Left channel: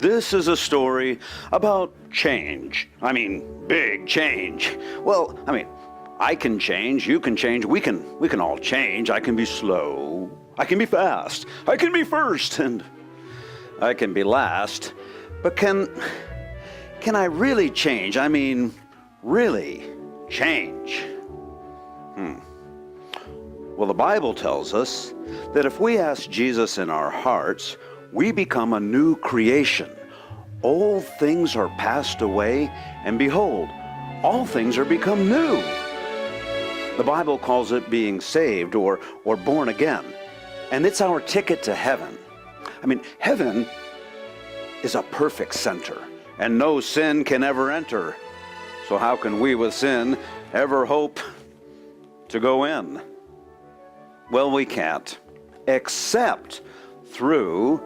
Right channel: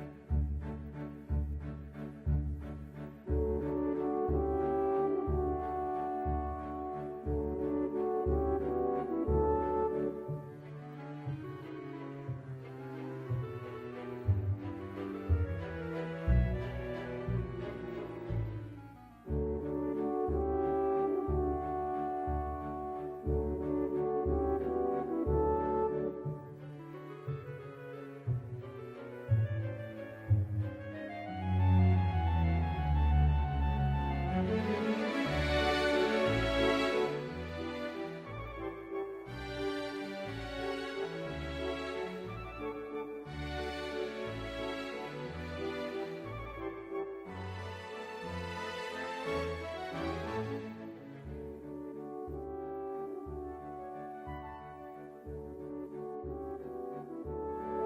This is a story about change. I mean, big change. Well, I can change, you can change, we can all change. I can be slow, I can be fast, I can be first, and I can be last. But can I really change? I mean, really change? Well, the Bible tells us that if we ask Jesus in our hearts, we become a new creation. Old things are passed away, and behold, all things are become new. The Bible calls it being saved or born again, and it's our ticket to heaven. Heaven is a perfect center, and no sin can ever enter. So how can we with sin ever hope to go in? Well, we can't, except through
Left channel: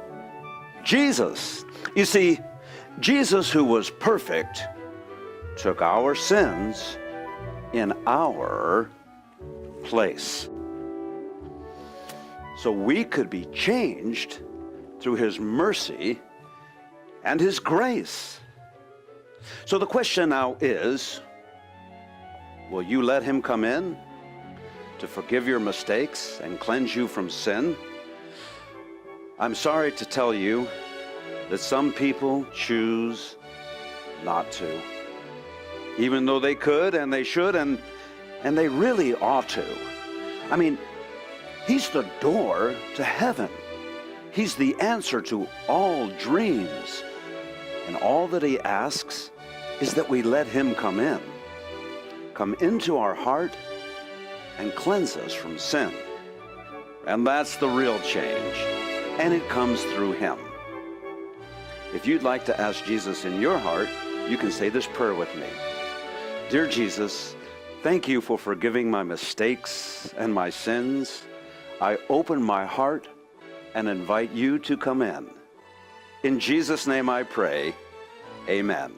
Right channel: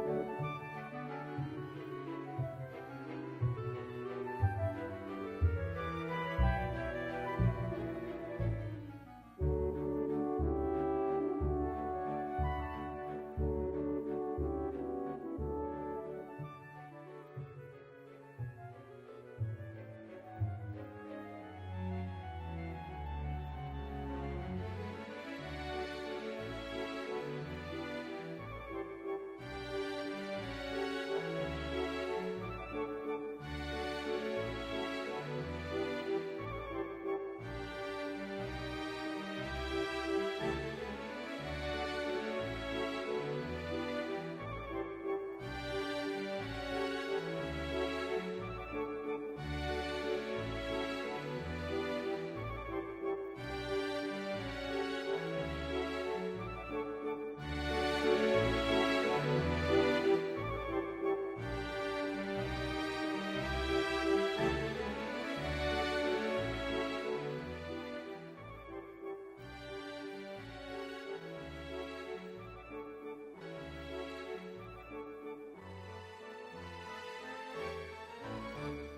Jesus. You see, Jesus, who was perfect, took our sins in our place. So we could be changed through his mercy and his grace. So the question now is, will you let him come in to forgive your mistakes and cleanse you from sin? I'm sorry to tell you that some people choose not to, even though they could and they should and they really ought to. He's the door to heaven. He's the answer to all dreams. And all that he asks is that we let him come into our heart and cleanse us from sin. And that's the real change. And it comes through him. If you'd like to ask Jesus in your heart, you can say this prayer with me. Dear Jesus, thank you for forgiving my mistakes and my sins. I open my heart and invite you to come in. In Jesus' name I pray, amen.